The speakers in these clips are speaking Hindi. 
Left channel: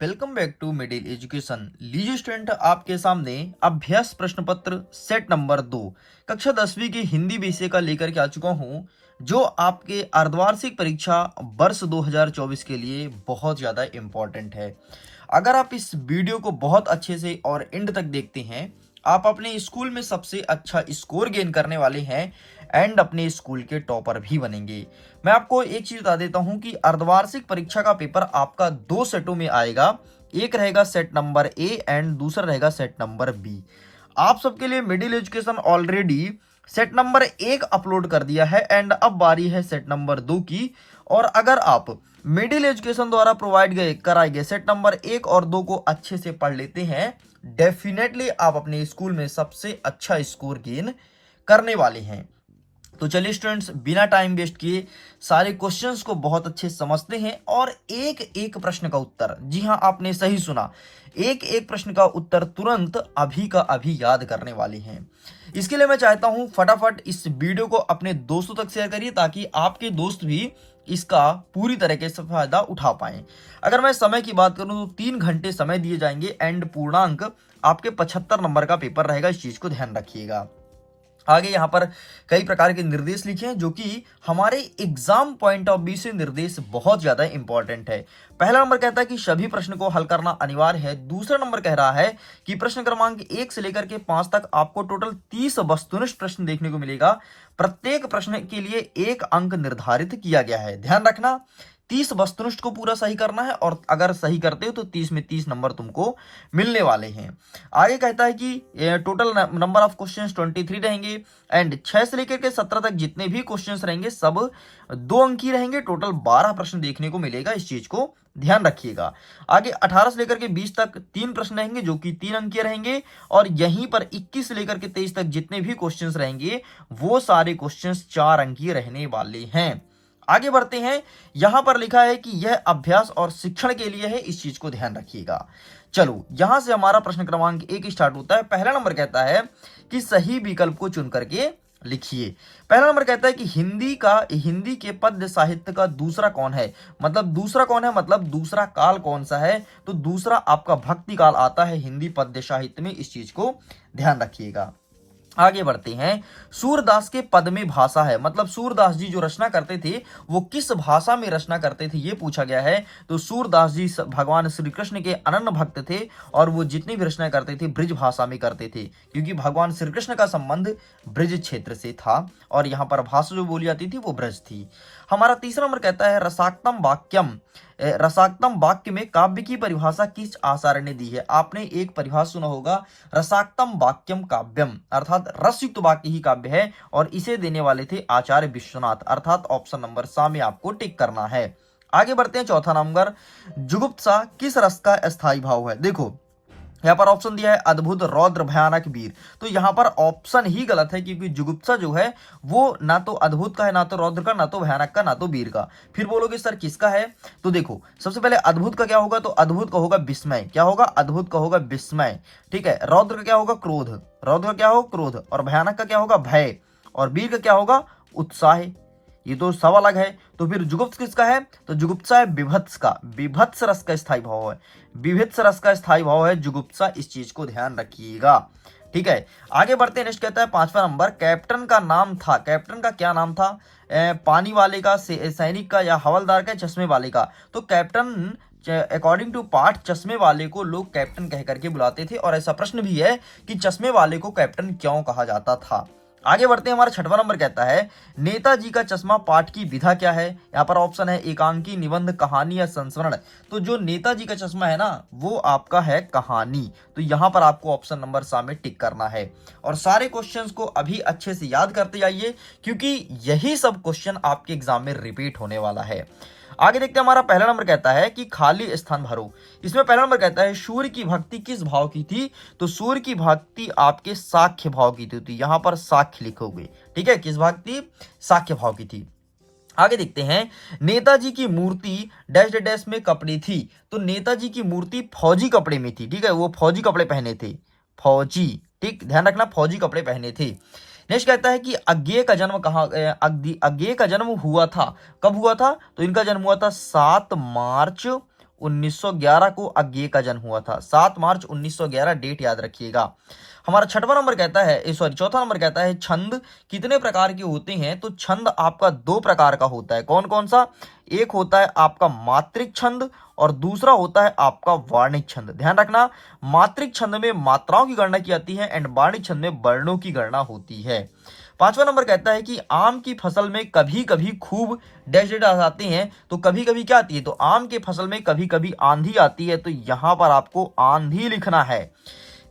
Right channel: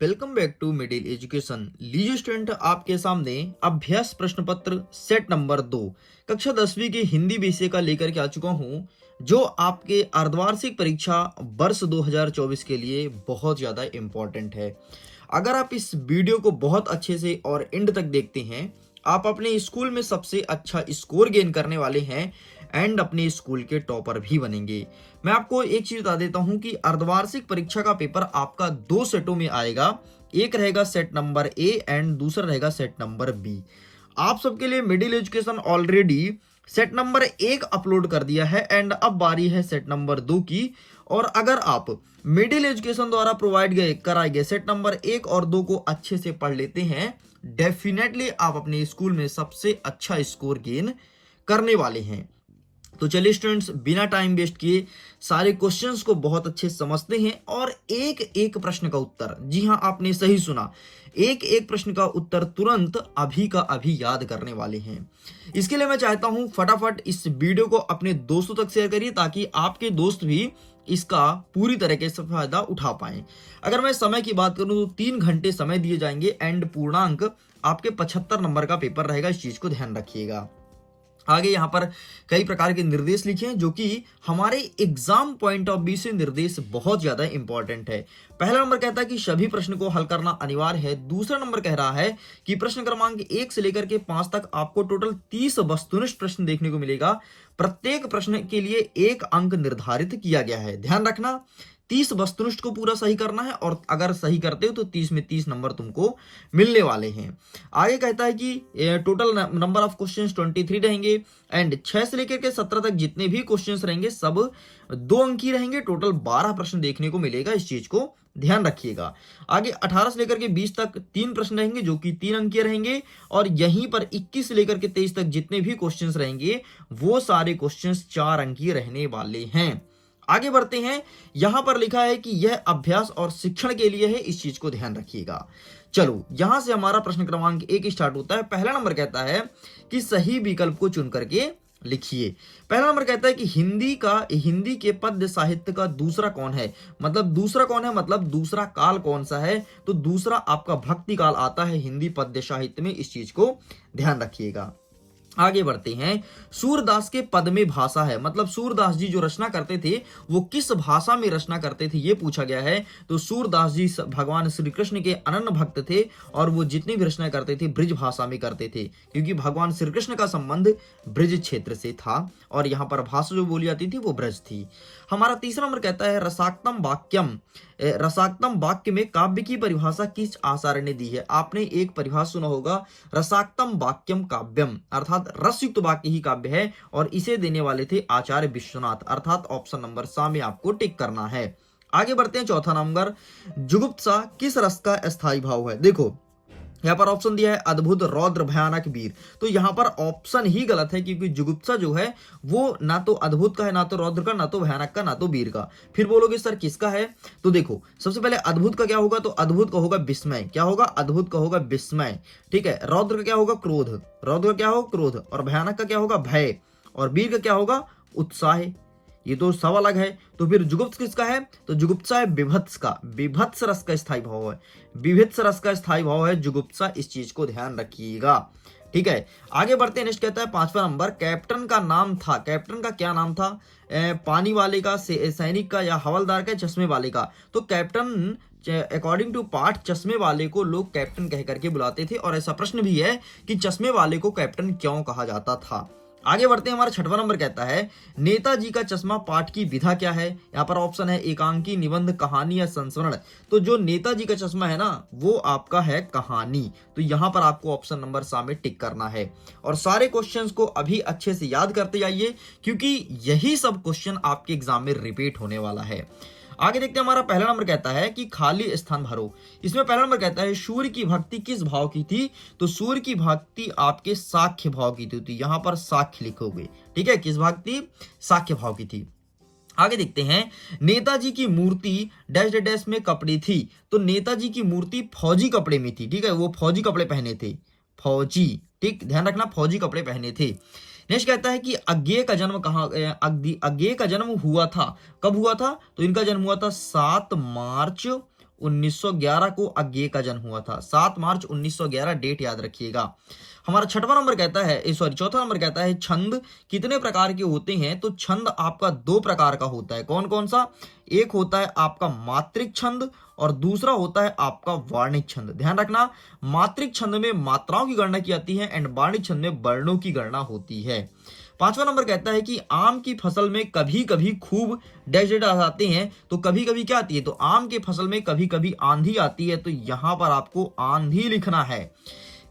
Welcome back to middle education. लीजिए स्टूडेंट, आपके सामने अभ्यास प्रश्न पत्र सेट नंबर 2 कक्षा 10वीं की हिंदी विषय का लेकर के आ चुका हूं, जो आपके अर्धवार्षिक परीक्षा वर्ष 2024 के लिए बहुत ज़्यादा इम्पोर्टेंट है। अगर आप इस वीडियो को बहुत अच्छे से और एंड तक देखते हैं, आप अपने स्कूल में सबसे अच्छा स्कोर गेन करने वाले हैं एंड अपने स्कूल के टॉपर भी बनेंगे। मैं आपको एक चीज बता देता हूं कि अर्धवार्षिक परीक्षा का पेपर आपका दो सेटों में आएगा। एक रहेगा सेट नंबर ए एंड दूसरा रहेगा सेट नंबर बी। आप सबके लिए middle education already set number 1 upload कर दिया है एंड अब बारी है सेट नंबर 2 की। और अगर आप मिडिल एजुकेशन द्वारा प्रोवाइड कराए गए सेट नंबर 1 और 2 को अच्छे से पढ़ लेते हैं, डेफिनेटली आप अपने स्कूल में सबसे अच्छा स्कोर गेन करने वाले हैं। तो चलिए स्टूडेंट्स, बिना टाइम वेस्ट किए सारे क्वेश्चंस को बहुत अच्छे से समझते हैं और एक एक प्रश्न का उत्तर, जी हाँ आपने सही सुना, एक एक प्रश्न का उत्तर तुरंत अभी का अभी याद करने वाले हैं। इसके लिए मैं चाहता हूं फटाफट इस वीडियो को अपने दोस्तों तक शेयर करिए ताकि आपके दोस्त भी इसका पूरी तरीके से फायदा उठा पाए। अगर मैं समय की बात करूं तो 3 घंटे समय दिए जाएंगे एंड पूर्णांक आपके 75 नंबर का पेपर रहेगा। इस चीज को ध्यान रखिएगा। आगे यहाँ पर कई प्रकार के निर्देश लिखे हैं जो कि हमारे एग्जाम पॉइंट ऑफ व्यू से निर्देश बहुत ज्यादा इंपॉर्टेंट है। पहला नंबर कहता है कि सभी प्रश्न को हल करना अनिवार्य है। दूसरा नंबर कह रहा है कि प्रश्न क्रमांक 1 से लेकर के 5 तक आपको टोटल 30 वस्तुनिष्ठ प्रश्न देखने को मिलेगा। प्रत्येक प्रश्न के लिए 1 अंक निर्धारित किया गया है। ध्यान रखना, 30 वस्तुनिष्ठ को पूरा सही करना है और अगर सही करते हो तो 30 में 30 नंबर तुमको मिलने वाले हैं। आगे कहता है कि टोटल नंबर ऑफ क्वेश्चंस 23 रहेंगे एंड 6 से लेकर के 17 तक जितने भी क्वेश्चंस रहेंगे सब 2 अंकी रहेंगे। टोटल 12 प्रश्न देखने को मिलेगा। इस चीज को ध्यान रखिएगा। आगे 18 से लेकर के 20 तक 3 प्रश्न रहेंगे जो कि 3 अंकीय रहेंगे और यहीं पर 21 से लेकर के 23 तक जितने भी क्वेश्चंस रहेंगे वो सारे क्वेश्चंस 4 अंकीय रहने वाले हैं। आगे बढ़ते हैं। यहां पर लिखा है कि यह अभ्यास और शिक्षण के लिए है। इस चीज को ध्यान रखिएगा। चलो, यहां से हमारा प्रश्न क्रमांक 1 स्टार्ट होता है। पहला नंबर कहता है कि सही विकल्प को चुन करके लिखिए। पहला नंबर कहता है कि हिंदी के पद्य साहित्य का दूसरा कौन है। मतलब दूसरा कौन है, मतलब दूसरा काल कौन सा है। तो दूसरा आपका भक्ति काल आता है हिंदी पद्य साहित्य में। इस चीज को ध्यान रखिएगा। आगे बढ़ते हैं। सूरदास के पद में भाषा है, मतलब सूरदास जी जो रचना करते थे वो किस भाषा में रचना करते थे ये पूछा गया है। तो सूरदास जी भगवान श्री कृष्ण के अनन्य भक्त थे और वो जितनी भी रचना करते थे ब्रिज भाषा में करते थे, क्योंकि भगवान श्री कृष्ण का संबंध ब्रिज क्षेत्र से था और यहाँ पर भाषा जो बोली जाती थी वो ब्रज थी। हमारा तीसरा नंबर कहता है रसाक्तम वाक्यम। रसाक्तम वाक्य में काव्य की परिभाषा किस आचार्य ने दी है। आपने एक परिभाषा सुना होगा, रसाक्तम वाक्यम काव्यम, अर्थात रसयुक्त वाक्य ही काव्य है और इसे देने वाले थे आचार्य विश्वनाथ, अर्थात ऑप्शन नंबर सा में आपको टिक करना है। आगे बढ़ते हैं। चौथा नंबर, जुगुप्सा किस रस का अस्थायी भाव है। देखो यहाँ पर ऑप्शन दिया है अद्भुत, रौद्र, भयानक, वीर। तो यहाँ पर ऑप्शन ही गलत है क्योंकि जुगुप्सा जो है वो ना तो अद्भुत का है, ना तो रौद्र का, ना तो भयानक का, ना तो वीर का। फिर बोलोगे सर किसका है। तो देखो, सबसे पहले अद्भुत का क्या होगा, तो अद्भुत का होगा विस्मय। क्या होगा, अद्भुत का होगा विस्मय। ठीक है। रौद्र का क्या होगा, क्रोध। रौद्र का क्या होगा, क्रोध। और भयानक का क्या होगा, भय। और वीर का क्या होगा, उत्साह। ये तो सब अलग है। तो फिर जुगुप्स किसका है, तो जुगुप्सा है विभत्स का। विभत्स रस का स्थायी भाव है, विभत्स रस का स्थायी भाव है जुगुप्सा। इस चीज को ध्यान रखिएगा। ठीक है। आगे बढ़ते हैं। नेक्स्ट कहता है 5वां नंबर, कैप्टन का नाम था। कैप्टन का क्या नाम था, पानी वाले का, सैनिक का, या हवलदार का, चश्मे वाले का। तो कैप्टन अकॉर्डिंग टू पाठ चश्मे वाले को लोग कैप्टन कह करके बुलाते थे और ऐसा प्रश्न भी है कि चश्मे वाले को कैप्टन क्यों कहा जाता था। आगे बढ़ते हैं। हमारा 6वां नंबर कहता है नेताजी का चश्मा पाठ की विधा क्या है। यहाँ पर ऑप्शन है एकांकी, निबंध, कहानी या संस्मरण। तो जो नेताजी का चश्मा है ना वो आपका है कहानी। तो यहाँ पर आपको ऑप्शन नंबर सा में टिक करना है और सारे क्वेश्चंस को अभी अच्छे से याद करते जाइए क्योंकि यही सब क्वेश्चन आपके एग्जाम में रिपीट होने वाला है। आगे देखते हैं। हमारा पहला नंबर कहता है कि खाली स्थान भरो। इसमें पहला नंबर कहता है सूर्य की भक्ति किस भाव की थी। तो सूर्य की भक्ति आपके साख्य भाव की थी। यहां पर साख्य लिखोगे। ठीक है। किस भक्ति, साख्य भाव की थी। आगे देखते हैं। नेताजी की मूर्ति डैश डैश में कपड़ी थी। तो नेताजी की मूर्ति फौजी कपड़े में थी। ठीक है, वो फौजी कपड़े पहने थे, फौजी। ठीक, ध्यान रखना, फौजी कपड़े पहने थे। नेक्स्ट कहता है कि अज्ञेय का जन्म कहाँ, अज्ञेय का जन्म हुआ था, कब हुआ था। तो इनका जन्म हुआ था 7 मार्च 1911 को अज्ञेय का जन्म हुआ था। 7 मार्च 1911 डेट याद रखिएगा। हमारा छठवां नंबर कहता है, सॉरी चौथा नंबर कहता है छंद कितने प्रकार के होते हैं? तो छंद आपका 2 प्रकार का होता है। कौन कौन सा? एक होता है आपका मात्रिक छंद और दूसरा होता है आपका वार्णिक छंद। ध्यान रखना, मात्रिक छंद में मात्राओं की गणना की जाती है एंड वार्णिक छंद में वर्णों की गणना होती है। पांचवा नंबर कहता है कि आम की फसल में कभी कभी खूब डैश डैश आते हैं। तो कभी कभी क्या आती है? तो आम की फसल में कभी कभी आंधी आती है, तो यहां पर आपको आंधी लिखना है।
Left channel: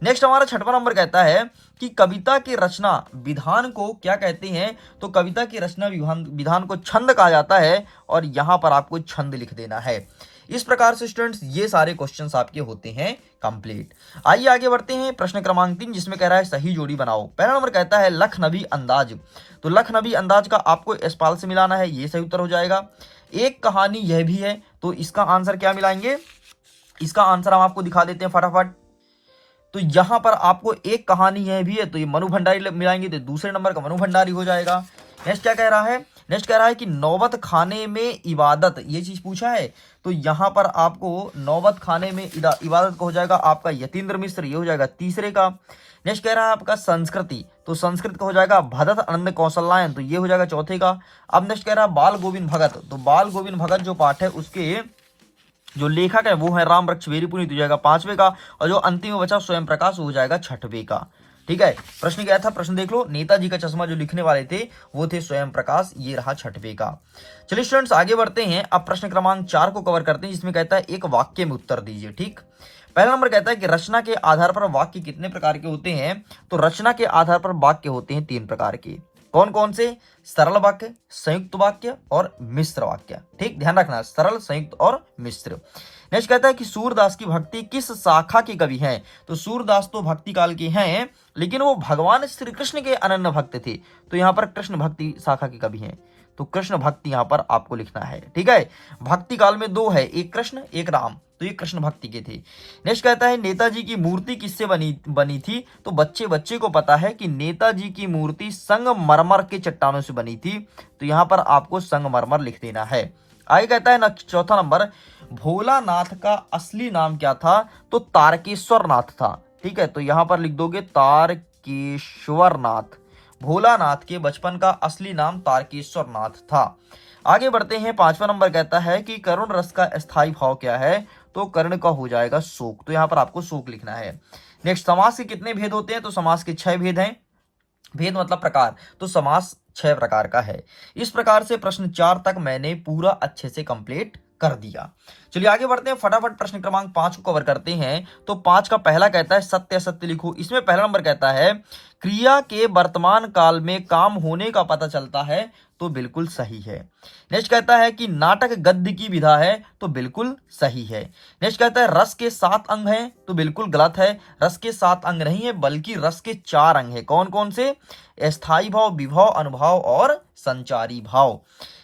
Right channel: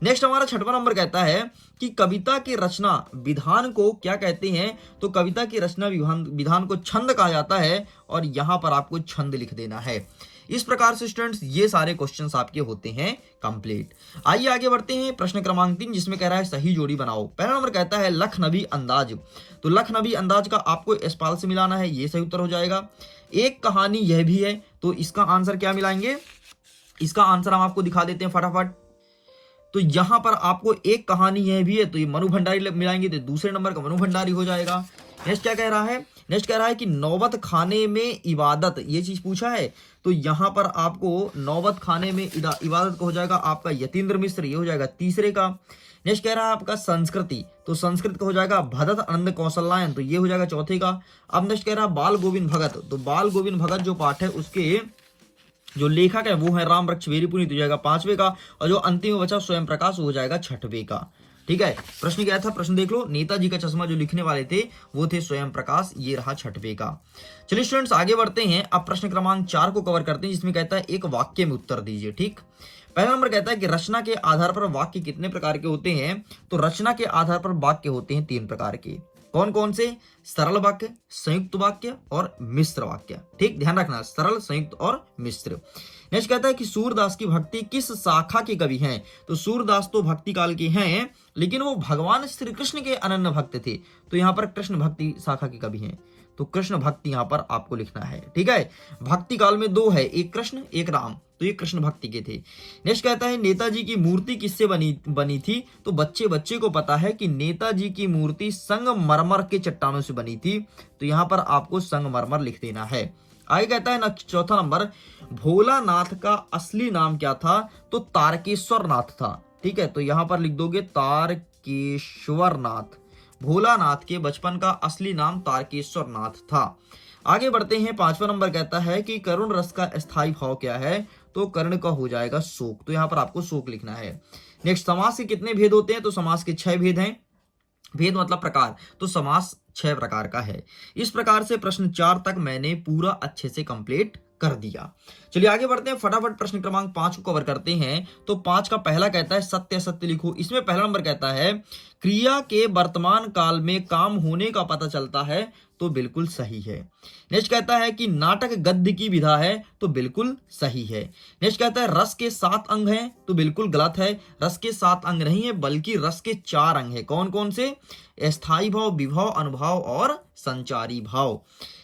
नेक्स्ट हमारा छठवां नंबर कहता है कि कविता के रचना विधान को क्या कहते हैं? तो कविता की रचना विधान को छंद कहा जाता है और यहां पर आपको छंद लिख देना है। इस प्रकार से स्टूडेंट्स ये सारे क्वेश्चंस आपके होते हैं कंप्लीट। आइए आगे बढ़ते हैं प्रश्न क्रमांक 3, जिसमें कह रहा है सही जोड़ी बनाओ। पहला नंबर कहता है लखनवी अंदाज। तो लखनवी अंदाज का आपको यशपाल से मिलाना है, ये सही उत्तर हो जाएगा। एक कहानी यह भी है, तो इसका आंसर क्या मिलाएंगे? इसका आंसर हम आपको दिखा देते हैं फटाफट। तो यहां पर आपको एक कहानी यह भी है, तो ये मनु भंडारी मिलाएंगे, तो दूसरे नंबर का मनु भंडारी हो जाएगा। नेक्स्ट क्या कह रहा है? नेक्स्ट कह रहा है कि नौबत खाने में इबादत, ये चीज पूछा है, तो यहां पर आपको नौबत खाने में इबादत का हो जाएगा आपका यतीन्द्र मिश्र, ये हो जाएगा तीसरे का। नेक्स्ट कह रहा है आपका संस्कृति, तो संस्कृत का हो जाएगा भरत आनंद कौशल्यायन, तो ये हो जाएगा चौथे का। अब नेक्स्ट कह रहा है बाल गोविंद भगत, तो बाल गोविंद भगत जो पाठ है उसके जो लेखक है वो है राम वृक्ष वेरीपुरी, तो जाएगा पांचवे का। और जो अंतिम में बचा स्वयं प्रकाश, वो जाएगा छठवे का। ठीक है, प्रश्न क्या था? प्रश्न देख लो। नेताजी का चश्मा जो लिखने वाले थे वो थे स्वयं प्रकाश, ये रहा छठवे का। चलिए स्टूडेंट्स आगे बढ़ते हैं। अब प्रश्न क्रमांक 4 को कवर करते हैं, जिसमें कहता है एक वाक्य में उत्तर दीजिए। ठीक, पहला नंबर कहता है कि रचना के आधार पर वाक्य कितने प्रकार के होते हैं? तो रचना के आधार पर वाक्य होते हैं 3 प्रकार के। कौन कौन से? सरल वाक्य, संयुक्त वाक्य और मिश्र वाक्य। ठीक, ध्यान रखना, सरल, संयुक्त और मिश्र। नेक्स्ट कहता है कि सूरदास की भक्ति किस शाखा के कवि हैं? तो सूरदास तो भक्ति काल के हैं, लेकिन वो भगवान श्री कृष्ण के अनन्य भक्त थे, तो यहाँ पर कृष्ण भक्ति शाखा के कवि हैं, तो कृष्ण भक्ति यहाँ पर आपको लिखना है। ठीक है, भक्ति काल में 2 है, एक कृष्ण एक राम, तो ये कृष्ण भक्ति के थे। नेक्स्ट कहता है नेताजी की मूर्ति किससे बनी थी? तो बच्चे को पता है कि नेताजी की मूर्ति संगमरमर के चट्टानों से बनी थी, तो यहाँ पर आपको संगमरमर लिख देना है। आगे कहता है चौथा नंबर, भोलानाथ का असली नाम क्या था? तो तारकेश्वर नाथ था। ठीक है, तो यहाँ पर लिख दोगे तारकेश्वर नाथ। भोलानाथ के बचपन का असली नाम तारकेश्वर नाथ था। आगे बढ़ते हैं, 5वां नंबर कहता है कि करुण रस का स्थायी भाव क्या है? तो कर्ण का हो जाएगा शोक, तो यहाँ पर आपको शोक लिखना है। नेक्स्ट, समास के कितने भेद होते हैं? तो समास के 6 भेद हैं। भेद मतलब प्रकार, तो समास 6 प्रकार का है। इस प्रकार से प्रश्न 4 तक मैंने पूरा अच्छे से कंप्लीट कर दिया। चलिए आगे बढ़ते हैं, फटाफट प्रश्न क्रमांक 5 को कवर करते हैं। तो 5 का पहला कहता है सत्य असत्य लिखो। इसमें पहला नंबर कहता है क्रिया के वर्तमान काल में काम होने का पता चलता है, तो बिल्कुल सही है। नेक्स्ट कहता है कि नाटक गद्य की विधा है, तो बिल्कुल सही है। नेक्स्ट कहता है रस के 7 अंग हैं, तो बिल्कुल गलत है। रस के 7 अंग नहीं है, बल्कि रस के 4 अंग है। कौन कौन से? स्थायी भाव, विभाव, अनुभाव और संचारी भाव।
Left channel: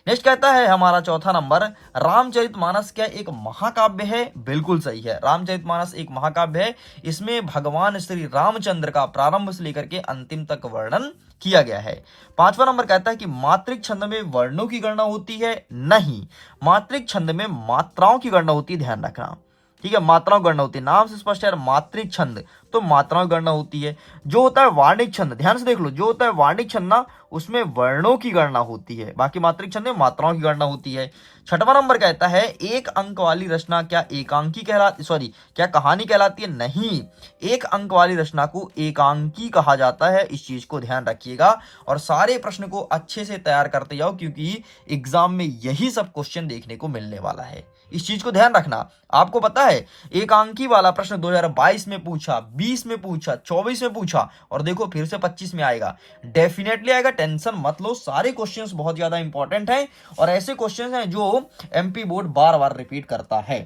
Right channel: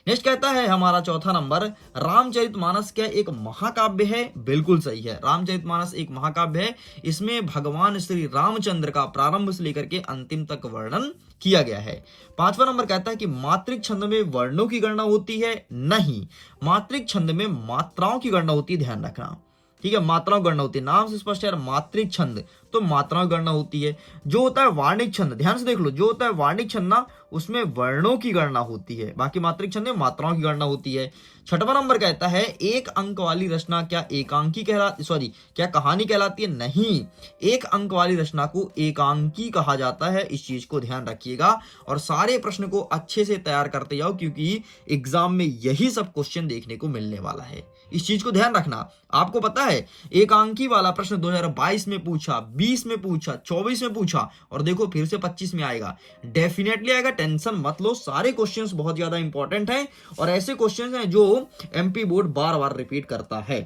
नेक्स्ट कहता है हमारा चौथा नंबर, रामचरितमानस क्या एक महाकाव्य है? बिल्कुल सही है, रामचरितमानस एक महाकाव्य है। इसमें भगवान श्री रामचंद्र का प्रारंभ से लेकर के अंतिम तक वर्णन किया गया है। 5वां नंबर कहता है कि मात्रिक छंद में वर्णों की गणना होती है? नहीं, मात्रिक छंद में मात्राओं की गणना होती है, ध्यान रखना। ठीक है, मात्राओं की गणना होती है, नाम से स्पष्ट है, मात्रिक छंद तो मात्राओं की गणना होती है। जो होता है वार्णिक छंद, ध्यान से देख लो, जो होता है वार्णिक छंद ना, उसमें वर्णों की गणना होती है, बाकी मात्रिक छंद में मात्राओं की गणना होती है। 6वां नंबर कहता है एक अंक वाली रचना क्या एकांकी कहलाती, सॉरी क्या कहानी कहलाती है? नहीं, एक अंक वाली रचना को एकांकी कहा जाता है। इस चीज को ध्यान रखिएगा और सारे प्रश्न को अच्छे से तैयार करते जाओ, क्योंकि एग्जाम में यही सब क्वेश्चन देखने को मिलने वाला है। इस चीज को ध्यान रखना। आपको पता है एकांकी वाला प्रश्न 2022 में पूछा, 20 में पूछा, 24 में पूछा और देखो फिर से 25 में आएगा, डेफिनेटली आएगा, टेंशन मत लो। सारे क्वेश्चंस बहुत ज्यादा इंपॉर्टेंट हैं और ऐसे क्वेश्चंस हैं जो एमपी बोर्ड बार बार रिपीट करता है।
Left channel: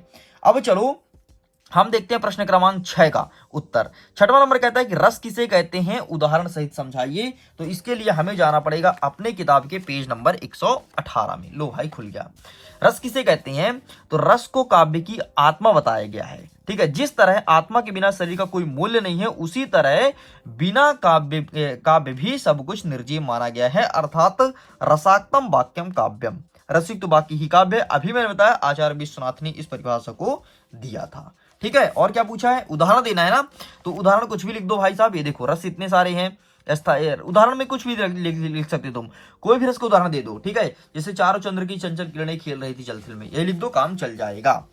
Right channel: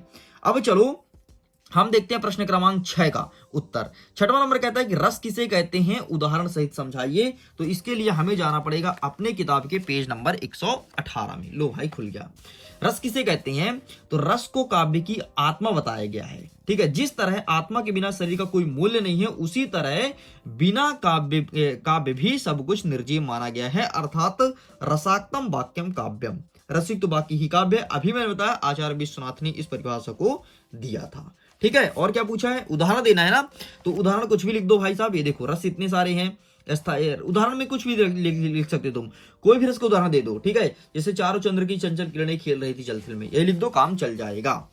अब चलो हम देखते हैं प्रश्न क्रमांक 6 का उत्तर। 6वां नंबर कहता है कि रस किसे कहते हैं? उदाहरण सहित समझाइए। तो इसके लिए हमें जाना पड़ेगा अपने किताब के पेज नंबर 118 में। लो भाई खुल गया। रस किसे कहते हैं? तो रस को काव्य की आत्मा बताया गया है। ठीक है, जिस तरह आत्मा के बिना शरीर का कोई मूल्य नहीं है, उसी तरह बिना काव्य भी सब कुछ निर्जीव माना गया है, अर्थात रसाक्तम वाक्यम काव्यम। रसिक तो बाकी ही काव्य। अभी मैंने बताया आचार्य विश्वनाथ ने इस परिभाषा को दिया था। ठीक है, और क्या पूछा है, उदाहरण देना है ना, तो उदाहरण कुछ भी लिख दो भाई साहब। ये देखो रस इतने सारे हैं, उदाहरण में कुछ भी लिख सकते तुम, कोई भी रस का उदाहरण दे दो। ठीक है, जैसे चारों चंद्र की चंचल किरणें खेल रही थी जल थल में, ये लिख दो, काम चल जाएगा।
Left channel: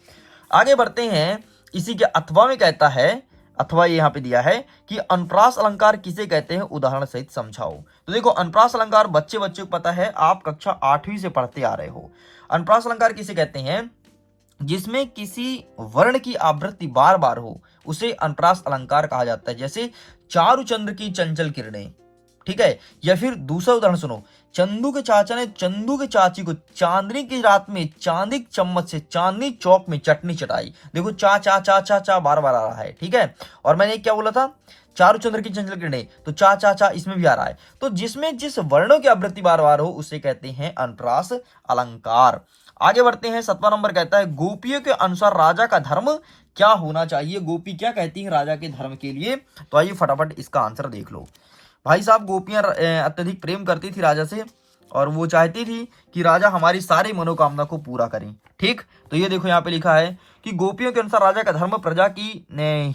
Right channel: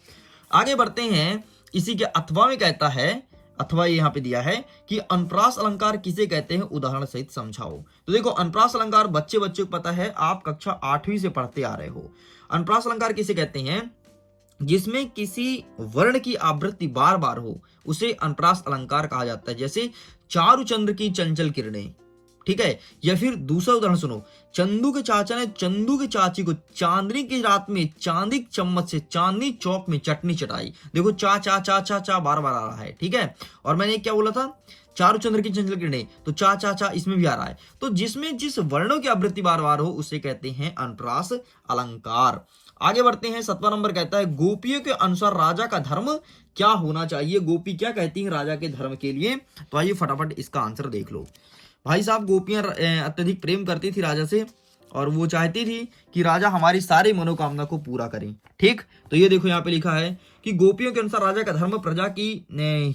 आगे बढ़ते हैं, इसी के अथवा में कहता है, अथवा ये यहाँ पे दिया है कि अनुप्रास अलंकार किसे कहते हैं, उदाहरण सहित समझाओ। तो देखो अनुप्रास अलंकार बच्चे को पता है, आप कक्षा 8वीं से पढ़ते आ रहे हो। अनुप्रास अलंकार किसे कहते हैं, जिसमें किसी वर्ण की आवृत्ति बार बार हो, उसे अनुप्रास अलंकार कहा जाता है। जैसे चारु चंद्र की चंचल किरणें, ठीक है। या फिर दूसरा उदाहरण सुनो, चंदू के चाचा ने चंदू के चाची को चांदनी की रात में चांदी चम्मच से चांदनी चौक में चटनी चटाई। देखो चा चा चा चा चा बार बार आ रहा है, ठीक है। और मैंने क्या बोला था, चारु चंद्र की चंचल किरणें, तो चा चा चा इसमें भी आ रहा है। तो जिसमें जिस वर्णों की आवृत्ति बार बार हो उसे कहते हैं अनुप्रास अलंकार। आगे बढ़ते हैं, 7वां नंबर कहता है, गोपियों के अनुसार राजा का धर्म क्या होना चाहिए। गोपी क्या कहती है राजा के धर्म के लिए, तो आइए फटाफट इसका आंसर देख लो। भाई साहब गोपियां अत्यधिक प्रेम करती थी राजा से, और वो चाहती थी कि राजा हमारी सारी मनोकामना को पूरा करें। ठीक, तो ये देखो यहाँ पे लिखा है कि गोपियों के अनुसार राजा का धर्म प्रजा की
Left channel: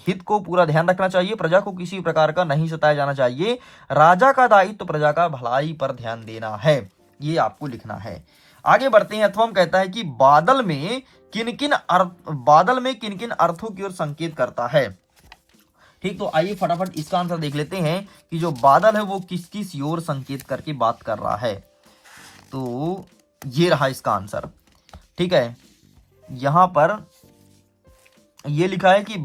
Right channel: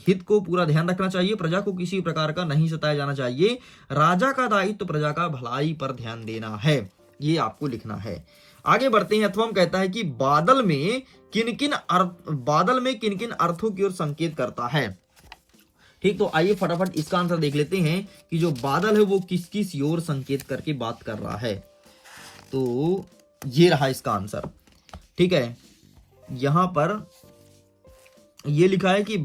हित को पूरा ध्यान रखना चाहिए, प्रजा को किसी प्रकार का नहीं सताया जाना चाहिए, राजा का दायित्व प्रजा का भलाई पर ध्यान देना है, ये आपको लिखना है। आगे बढ़ते हैं, अथवा कहता है कि बादल में किन किन अर्थों की ओर संकेत करता है। ठीक, तो आइए फटाफट इसका आंसर देख लेते हैं कि जो बादल है वो किस किस ओर संकेत करके बात कर रहा है। तो ये रहा इसका आंसर। ठीक है, यहां पर ये लिखा है कि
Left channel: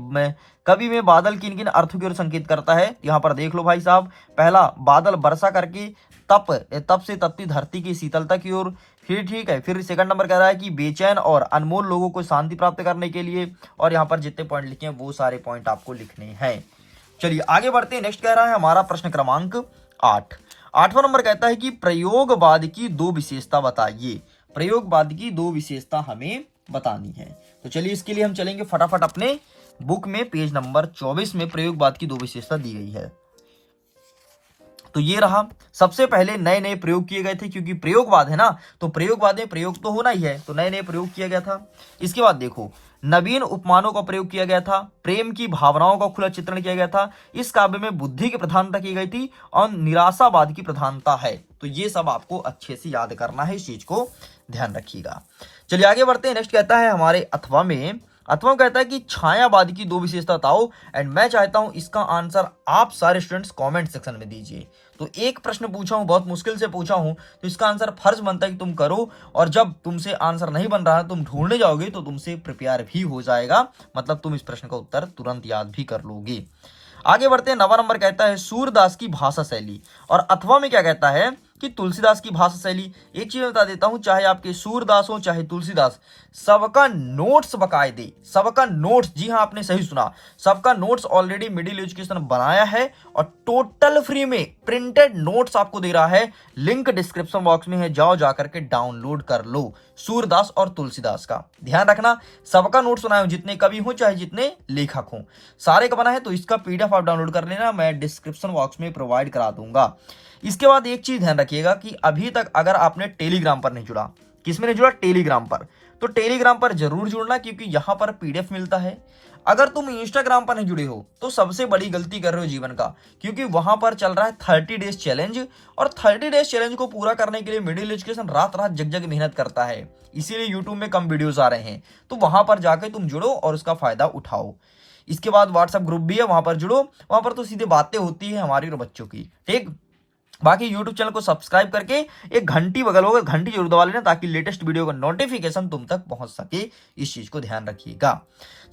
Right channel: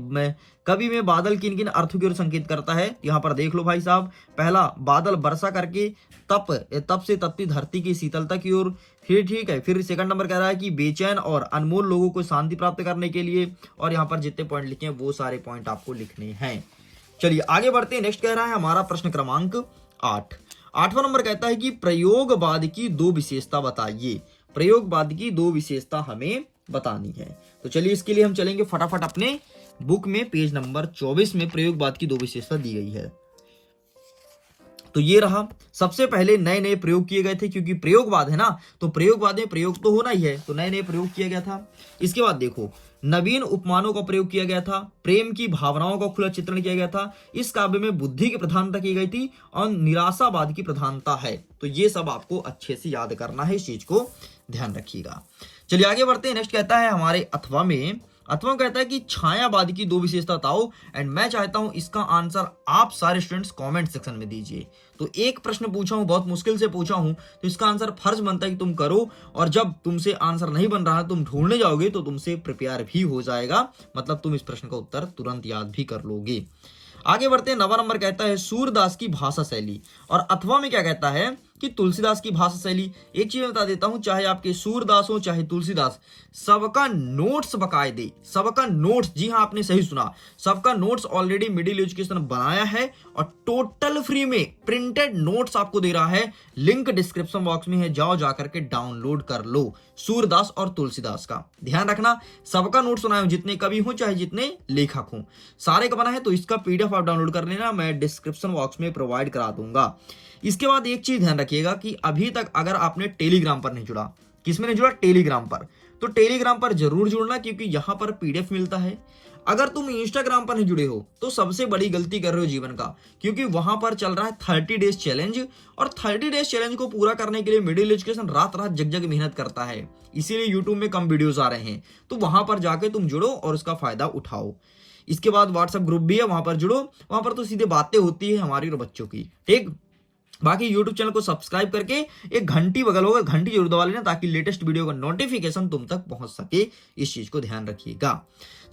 कवि में बादल किन किन अर्थों की ओर संकेत करता है। यहां पर देख लो भाई साहब, पहला बादल वर्षा करके तप से तपती धरती की शीतलता की ओर। फिर ठीक है, फिर सेकंड नंबर कह रहा है कि बेचैन और अनमोल लोगों को शांति प्राप्त करने के लिए। और यहाँ पर जितने पॉइंट लिखे हैं वो सारे पॉइंट आपको लिखने हैं। चलिए आगे बढ़ते हैं, नेक्स्ट कह रहा है हमारा प्रश्न क्रमांक 8। 8वां नंबर कहता है कि प्रयोगवाद की 2 विशेषता बताइए। प्रयोगवाद की 2 विशेषता हमें बतानी है। तो चलिए इसके लिए हम चलेंगे फटाफट अपने बुक में, पेज नंबर 24 में प्रयोगवाद की 2 विशेषता दी गई है। तो ये रहा, सबसे पहले नए नए प्रयोग किए गए थे, क्योंकि प्रयोगवाद है ना, तो प्रयोगवाद में प्रयोग तो होना ही है, तो नए नए प्रयोग किया गया था। इसके बाद देखो, नवीन उपमानों का प्रयोग किया गया था, प्रेम की भावनाओं का खुला चित्रण किया गया था, इस काव्य में बुद्धि की प्रधानता की गई थी और निराशावाद की प्रधानता है। तो ये सब आपको अच्छे से याद करना है, इस चीज को ध्यान रखिएगा। चलिए आगे बढ़ते हैं, नेक्स्ट कहता है हमारे अथवा में, अथवा कहता है कि छायावाद की 2 विशेषता बताओ। एंड मैं चाहता हूं इसका आंसर आप सारे स्टूडेंट्स कमेंट सेक्शन में दीजिए। तो एक प्रश्न पूछा हूं, बहुत मुश्किल से पूछा हूं, तो इसका आंसर फर्ज बनता है कि तुम करो, और जब तुमसे आंसर नहीं बन रहा है तुम ढूंढने जाओगे तो तुमसे प्रिपेयर भी हो जाएगा, मतलब तुम इस प्रश्न का उत्तर तुरंत याद भी कर लोगे। आगे बढ़ते हैं, 9वां नंबर कहता है सूरदास की भाषा शैली, और अथवा में क्या कहता है कि तुलसीदास की भाषा शैली। एक चीज बता देता हूं, चाहे आपके सूरदास हो चाहे तुलसीदास, सबका नोट्स बकायदे, सबका नोट्स, जी हाँ आपने सही सुना, सबका नोट्स ऑलरेडी मिडिल एजुकेशन बनाया है और टोटल फ्री में प्रिंटेड नोट्स आपको दे रहा है। लिंक डिस्क्रिप्शन बॉक्स में है, जाओ जाकर के डाउनलोड कर लो सूरदास और तुलसीदास का। ध्यान रखना, सबका नोट्स बनाए हो, जितने कवि हो चाहे जितने लेखक हो, सारे का बना है, तो इसका पीडीएफ आप डाउनलोड कर लेना, मैं डिस्क्रिप्शन बॉक्स में प्रोवाइड करा दूंगा। इसके बाद एक चीज ध्यान रखिएगा कि अभी तक अगर आपने टेलीग्राम पर नहीं जुड़ा, किसमें नहीं जुड़ा, टेलीग्राम पर, तो टेलीग्राम पर जरूर जुड़ना, क्योंकि यहां पर पीडीएफ मिलता है। अगर तुम इंस्टाग्राम पर नहीं जुड़े हो तो सबसे बड़ी गलती कर रहे हो जीवन का, क्योंकि वहां पर चल रहा है 30 डेज चैलेंज, और 30 डेज चैलेंज को पूरा करने के लिए मिडिल एजुकेशन रात रात जग जग मेहनत करता है, इसीलिए यूट्यूब में कम वीडियोस आ रहे हैं। तो वहां पर जाके तुम जुड़ो और उसका फायदा उठाओ। इसके बाद व्हाट्सएप ग्रुप भी है, वहां पर जुड़ो, वहां पर तो सीधे बातें होती है हमारी और बच्चों की। ठीक, बाकी YouTube चैनल को सब्सक्राइब करके एक घंटी बगल होगा, घंटी जरूर दबा लेना, ताकि लेटेस्ट वीडियो का नोटिफिकेशन तुम तक पहुंच सके, इस चीज को ध्यान रखिएगा।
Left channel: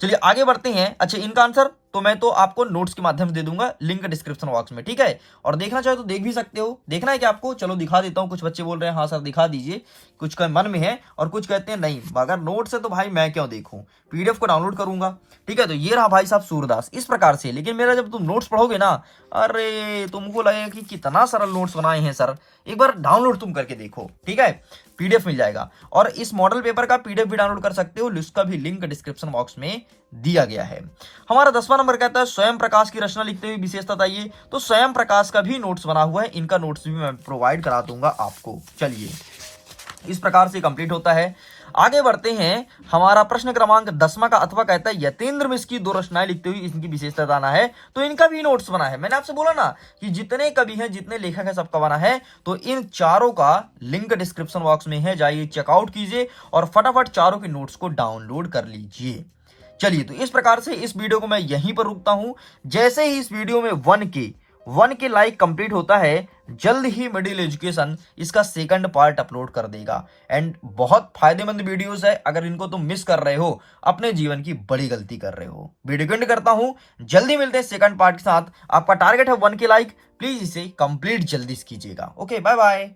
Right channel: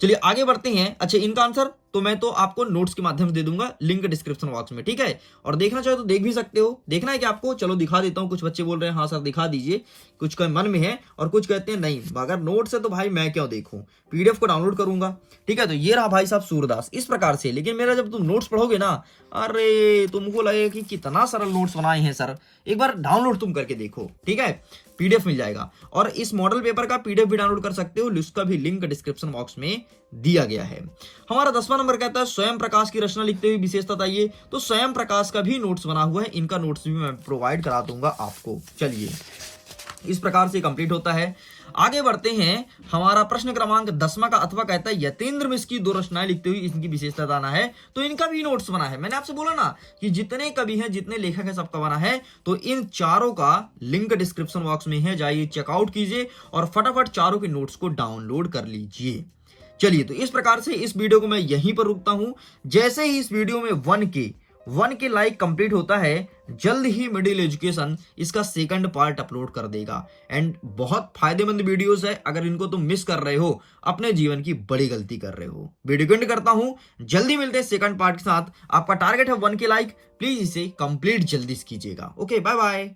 चलिए आगे बढ़ते हैं। अच्छा, इनका आंसर तो मैं तो आपको नोट्स के माध्यम से दे दूंगा, लिंक डिस्क्रिप्शन बॉक्स में, ठीक है। और देखना चाहे तो देख भी सकते हो। देखना है कि आपको, चलो दिखा देता हूँ। कुछ बच्चे बोल रहे हैं हाँ सर दिखा दीजिए, कुछ का मन में है, और कुछ कहते हैं नहीं, अगर नोट्स है तो भाई मैं क्यों देखूं, पीडीएफ को डाउनलोड करूंगा। ठीक है, तो ये रहा भाई साहब सूरदास, इस प्रकार से। लेकिन मेरा जब तुम नोट्स पढ़ोगे ना, अरे तुमको लगेगा कि कितना सरल नोट्स बनाए हैं सर, एक बार डाउनलोड तुम करके देखो, ठीक है, पीडीएफ मिल जाएगा। और इस मॉडल पेपर का पीडीएफ भी डाउनलोड कर सकते हो, उसका भी लिंक डिस्क्रिप्शन बॉक्स में दिया गया है। हमारा 10वां नंबर कहता है स्वयं प्रकाश की रचना लिखते हुए विशेषता बताइए। तो स्वयं प्रकाश का भी नोट्स बना हुआ है, इनका नोट्स भी मैं प्रोवाइड करा दूंगा आपको। चलिए इस प्रकार से कंप्लीट होता है। आगे बढ़ते हैं। हमारा प्रश्न क्रमांक 10वां का अथवा कहता है यतेंद्र मिश्र की 2 रचनाएं लिखते हुए इनकी विशेषता बताना है। तो इनका भी नोट्स बना है। मैंने आपसे बोला ना कि जितने कवि हैं, जितने लेखक हैं, सबका बना है। तो इन चारों का लिंक डिस्क्रिप्शन बॉक्स में है, जाइए चेकआउट कीजिए और फटाफट चारों के नोट्स को डाउनलोड कर लीजिए। चलिए, तो इस प्रकार से इस वीडियो को मैं यहीं पर रुकता हूं। जैसे ही इस वीडियो में 1K लाइक कंप्लीट होता है, जल्द ही मिडिल एजुकेशन इसका सेकंड पार्ट अपलोड कर देगा। एंड बहुत फायदेमंद वीडियोस है। अगर इनको तुम मिस कर रहे हो, अपने जीवन की बड़ी गलती कर रहे हो। वीडियो को एंड करता हूं, जल्दी मिलते हैं सेकंड पार्ट के साथ। आपका टारगेट है 1K लाइक, प्लीज इसे कंप्लीट जल्दी कीजिएगा। Okay, bye bye.